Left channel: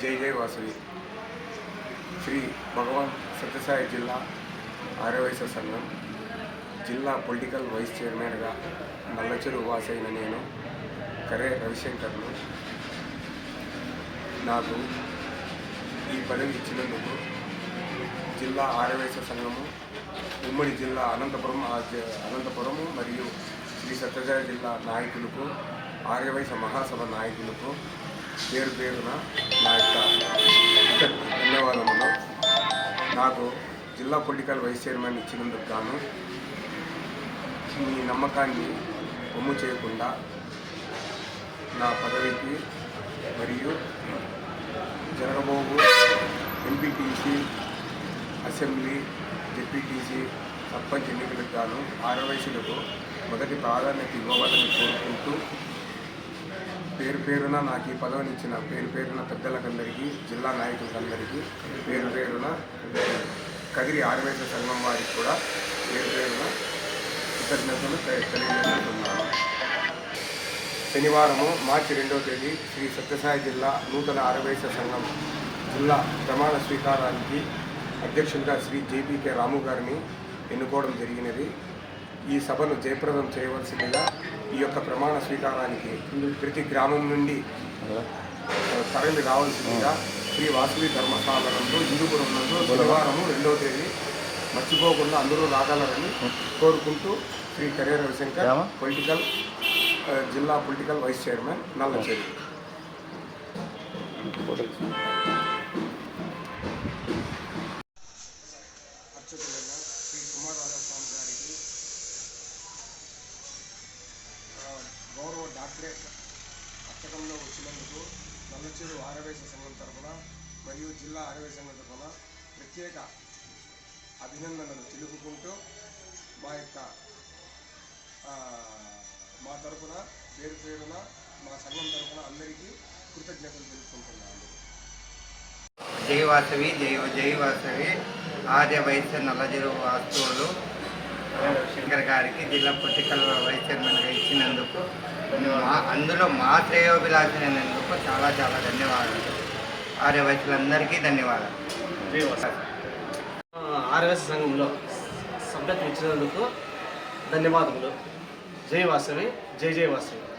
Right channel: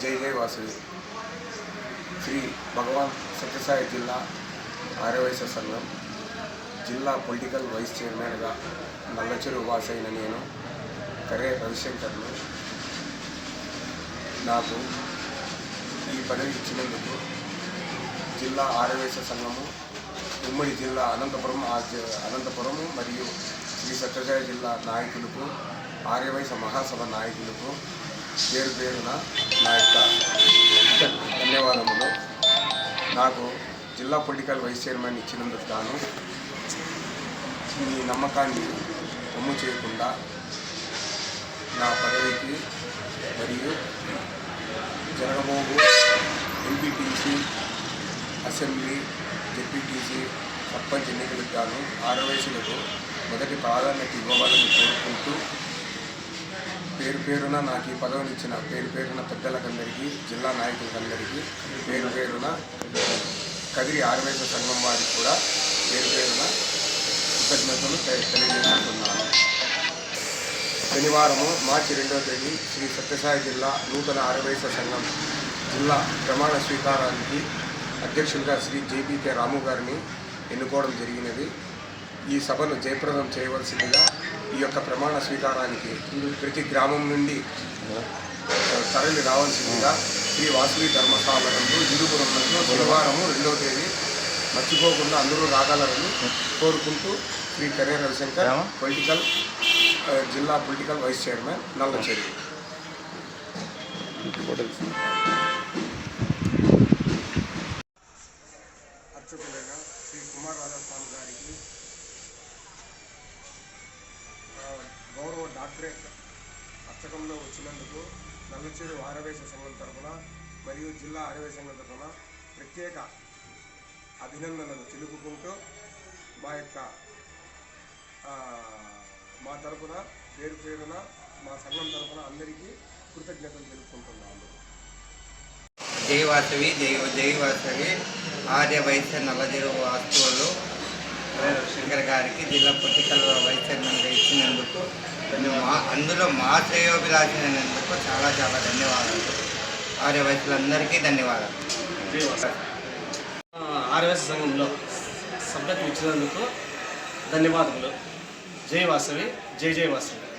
జై జై వాసవి. శ్రీ భగవాన్ సత్యసాయి జిల్లా ఆర్యవైశ్య సంఘం. జిల్లా పొలిటికల్ వైస్ చైర్మన్గా నల్లచెరు వాసైన నేను కరే రవిశంకర్ను. నాకు ఈ పదవి ఇచ్చినందుకు జిల్లా ఆర్యవైశ్య సంఘము ఉమ్మడి జిల్లా అనంతపురం ఆ అనంతపురము మరియు శ్రీ సత్యసాయి జిల్లా నాయకులకు ఆర్యవైశ్య మహాసభ నాయకులకు పేరు పేరున నా యొక్క ధన్యవాదములు. నాకు జిల్లా పొలిటికల్ వైస్ చైర్మన్ ఇచ్చినందుకు గాను మీ నమ్మకాన్ని కొమ్ము చేయకుండా నా పదవికి మరియు జరగబోగు ఎంపీటీసీ అసెంబ్లీ జెడ్పీటీసీ సర్పంచ్ ఎన్నికలకు గాను ఆరవయసులకు మొదటి ప్రాధాన్యత ఇవ్వవాలని కోరుకుంటూ పేరు పేరున నాకు ఈ పదవినిచ్చిన పేరు పేరున పెద్దలకందరికీ జిల్లా నాయకులకందరికీ పేరు పేరున కదిరి ఆరవేశ సంఘం వారికి కూడా పేరు పేరున కృతజ్ఞతలు తె- తెలియజేస్తున్నాను శనివారము మార్చి రెండవ తేదీ శ్రీ సత్యసాయి జిల్లా నూతన ఆరవేశ సంఘం జిల్లా ప్రమాణ స్వీకారానికి అధ్యక్షులుగా శ్రీ జేపీకే రాము గారిని ఎన్నుకోవడం జరిగినది. ఈ సభను జయప్రదం చేయవలసిందిగా ఈ యొక్క ప్రమాణ స్వీకారానికి ప్రతి గ్రామం నుండి తరలి రావాల్సిందిగా శ్రీ వాసవి ధర్మశాలనందు హిందూపురం నందు శనివారము రెండవ తేదీ మర్చిపోకుండా అందరూ రాగలరని కోరుకుంటూ శ్రీ కరే రవిశంకర్ పొలిటికల్ జిల్లా పొలిటికల్ వైస్ చైర్మన్ నల్లచేరి. అర్చకులైన శ్రీ కుమార్ రాజస్వామి గారికి డాక్టరేట్ అర్చకంలో వచ్చినందుకు నల్లచూరు ఆరవేశ సంఘం తరఫున మరియు జిల్లా ఆరవేశ సంఘం తరఫున ప్రత్యేక అభినందనలు తెలుపుకుంటూ మా యొక్క మా తరపున పేరు పేరున మా సంఘం తరఫున అందరికీ కృతజ్ఞతలు తెలుపుకుంటున్నాను జై వాసవి జై ఆర్య వైశ్య నల్లజరు వాస్తువులు. శంకర్ గారికి జిల్లా పొలిటికల్ వైస్ చైర్మన్గా ఇచ్చినందుకు మా అందులో మా శ్రేయోభిలాషి చాలా చాలా ధన్యవాదాలు. ఆర్యవైశ్యులందరికీ ధన్యవాదాలు. ఆర్ఎస్ సంఘంలో సభ్యత్వం ఇచ్చినందుకు ధన్యవాదములు. జై వాసవి జై జై వాసవి.